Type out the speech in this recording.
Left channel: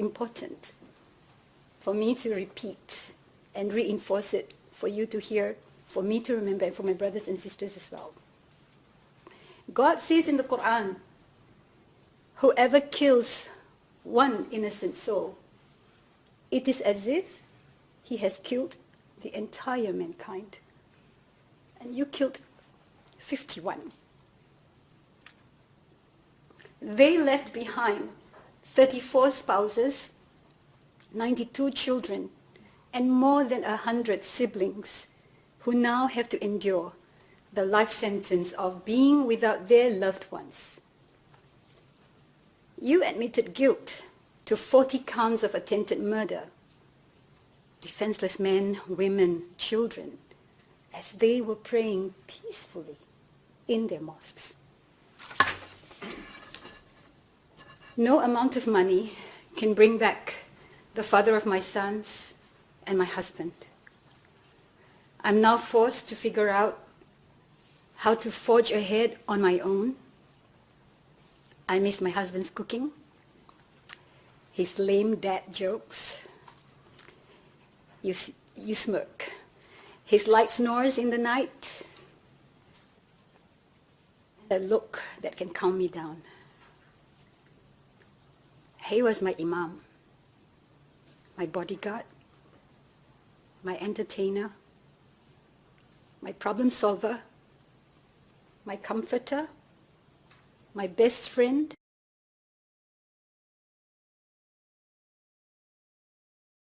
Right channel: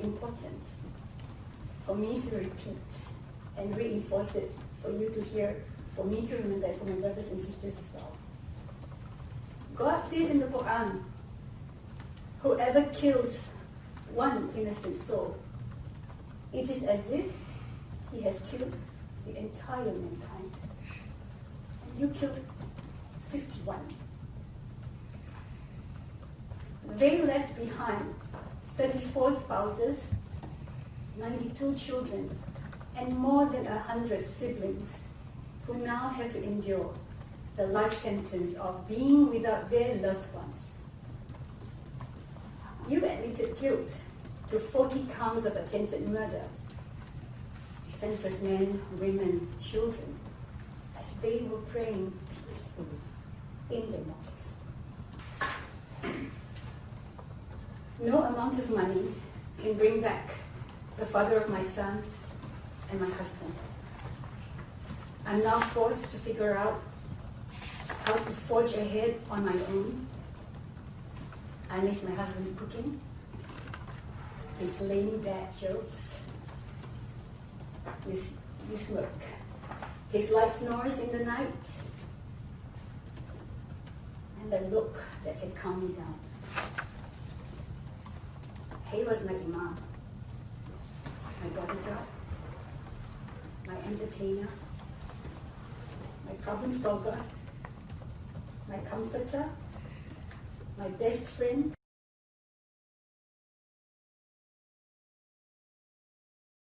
important for me to repeat and reinforce it for you to hear, for me to remember, and for my brothers and sisters as well. God says in the Quran, whoever kills one innocent soul, it is as if he has killed the entire mankind. And you killed 51. They left behind 34 spouses, 92 children, and more than 100 siblings who now have to endure the life sentence of being without their loved ones. You admitted guilt to 40 counts of attempted murder, defenseless men, women, children, as they were praying peacefully in their mosques. No amount of money can bring back the father of my sons and my husband. I'm now forced to figure out how to forge ahead on my own. I miss my husband's cooking, his lame dad jokes. You smirk. His light snores in the night, and that look that can calm me down. He was my imam, my bodyguard, my entertainer, my problem solver, my comforter, my best friend,